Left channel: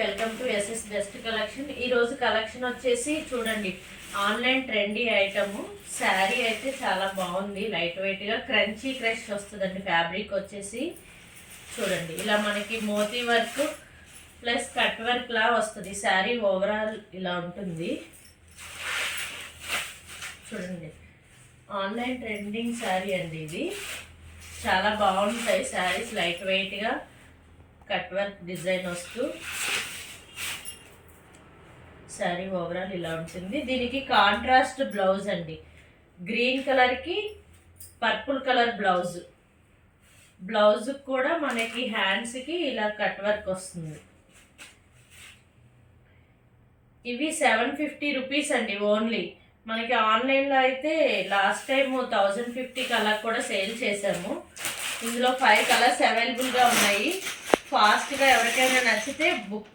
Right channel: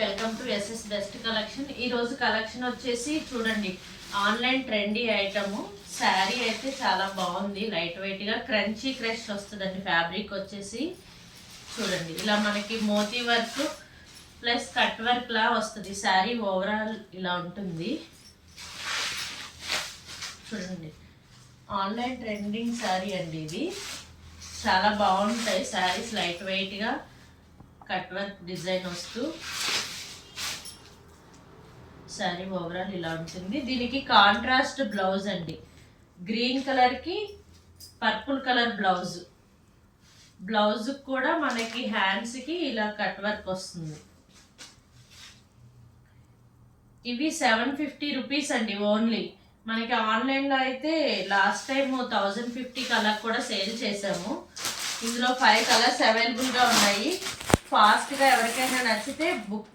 Welcome to SS best collection. ఈ రోజు collection వచ్చేసి చూడండి, ఆన్లైన్ ట్రెండీ ఐటమ్ శారీ అయితే చాలా బాగుంది. లైట్ వెయిట్ గా క్రంచీ క్రష్ వస్తుందండి. ఫ్యాబ్రిక్ వచ్చేసి చూడండి, ఇలా మనకి మోతీ వర్క్ ప్లస్ కట్ వర్క్ లా వస్తుంది. శారీ ఓవరాల్ ఇలా ఉంటుంది చూడండి. ఆన్లైన్ ట్రెండింగ్ శారీ అండి ఇది. చాలా బాగుంటాయి శారీస్, లైట్ వెయిట్ గా కట్ వర్క్ డిజైన్ వస్తూ శారీ ఓవరాల్ ఇలా ఉంటుంది. దీనికి కాంట్రాస్ట్ బ్లౌజ్ అండి. గ్రీన్ కలర్ కి పర్పుల్ కలర్ బ్లౌజ్. బ్లౌజ్ కూడా మనకి హ్యాండ్స్ కి ఇలా కట్ వర్క్ వస్తుంది. ఇవి 750 రూపీస్ అండి ఓన్లీ. మనకి ఆన్లైన్లో అయితే లాస్ట్ టైం 1050 కలర్ కూడా సేల్ చేసాము. ఇందులో 5 కలర్స్ అవైలబుల్గా ఉన్నాయి. ఫాస్ట్గా ఎవరికైనా నచ్చితే బుక్